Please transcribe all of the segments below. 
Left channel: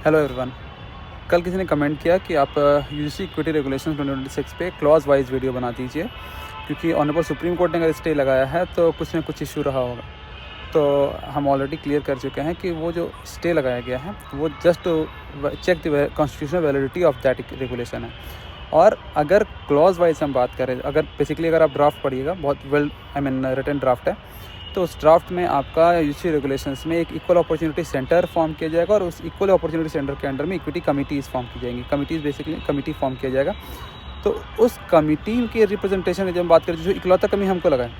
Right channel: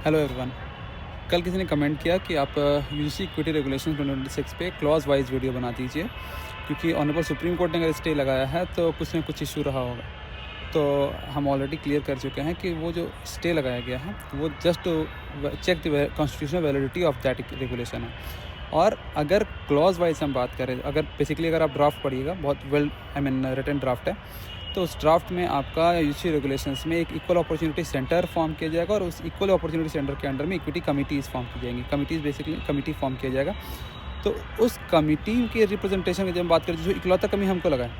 Hello everyone. कल किसी ने कमेंट किया कि आप यूजीसी इक्विटी रेगुलेशन 2026 पे क्लॉज वाइज वीडियो बना दीजिए, क्योंकि ऑनरेबल सुप्रीम कोर्ट ने अगर स्टे लगाया है तो कुछ ना कुछ इशू रहा होगा। तो हम ऑलरेडी क्लियर कर चुके हैं कि वो जो स्टे लगाया गया है वो just check the constitutional validity of that regulation है। और अगर क्लॉज वाइज हम बात करें, अगर बेसिकली अगर आप ड्राफ्ट पढ़िएगा, बहुत वेल रिटन ड्राफ्ट है, तो उस ड्राफ्ट में आपका यूजीसी रेगुलेशंस में एक इक्वल अपॉर्चुनिटी सेंटर फॉर्म किया जाएगा और उस इक्वल अपॉर्चुनिटी सेंटर के अंडर में इक्विटी कमिटीज़ फॉर्म की जाएंगी। कमिटीज़ बेसिकली कमिटी फॉर्म किया जाएगा। तो उस कमिटी के रिप्रेजेंटेशन में जब हम बात करें, जो इकलौता कमी हमको लगा है,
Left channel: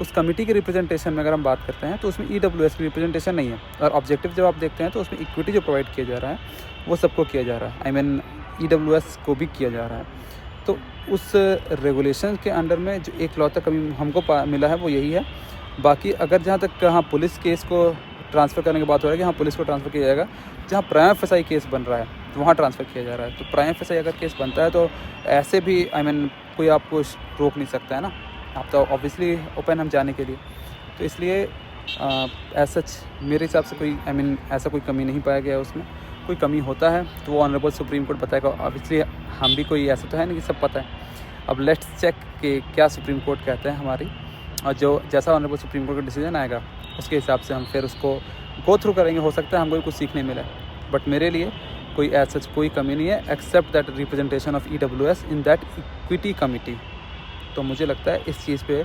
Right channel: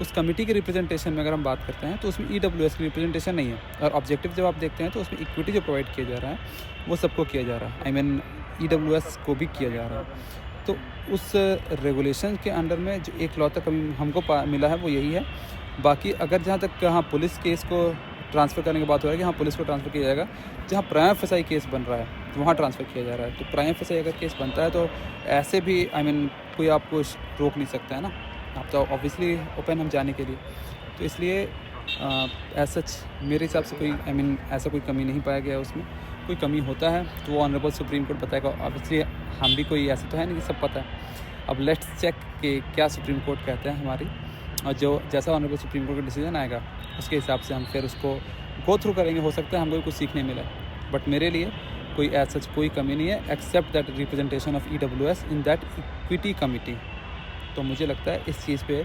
उस कमिटी के रिप्रेजेंटेशन में अगर हम बात करते हैं तो उसमें ईडब्ल्यूएस की रिप्रेजेंटेशन नहीं है। और ऑब्जेक्टिव जब आप देखते हैं तो उसमें इक्विटी जो प्रोवाइड किया जा रहा है वो सबको किया जा रहा है, ईडब्ल्यूएस को भी किया जा रहा है। तो उस रेगुलेशन के अंडर में जो इकलौता कमी हमको मिला है वो यही है। बाकी अगर जहाँ तक पुलिस केस को ट्रांसफ़र करने की बात हो रही है, जहाँ पुलिस को ट्रांसफ़र किया जाएगा, जहाँ प्राइम फसाई केस बन रहा है वहाँ ट्रांसफ़र किया जा रहा है। तो प्राइम फसाई अगर केस बनता है तो ऐसे भी कोई आपको रोक नहीं सकता है ना। आप तो ऑब्वियसली ओपन हम जाने के लिए, तो इसलिए सच मेरे हिसाब से कोई ऐसा कोई कमी नहीं पाया गया उसमें। कोई कमी होता है तो वो ऑनरेबल सुप्रीम कोर्ट बताएगा। ऑब्वियसली हम भी कोई ऐसा तो है नहीं कि सब पता है। अब लेट्स चेक कि क्या सुप्रीम कोर्ट कहते हैं हमारी, और जो जैसा ऑनरेबल सुप्रीम कोर्ट का डिसीजन आएगा उसके हिसाब से हम फिर उसको गो थ्रू करेंगे। हो सकता है हमको कुछ सीखने मिले, बट मेरे लिए कोई ऐसा कोई कमी नहीं है except that representation of EWS in that equity committee. तो मुझे लगता है इस चीज़ पे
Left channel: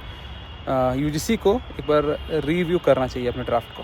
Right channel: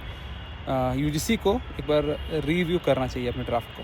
यूजीसी को एक बार रिव्यू करना चाहिए अपने ड्राफ्ट को।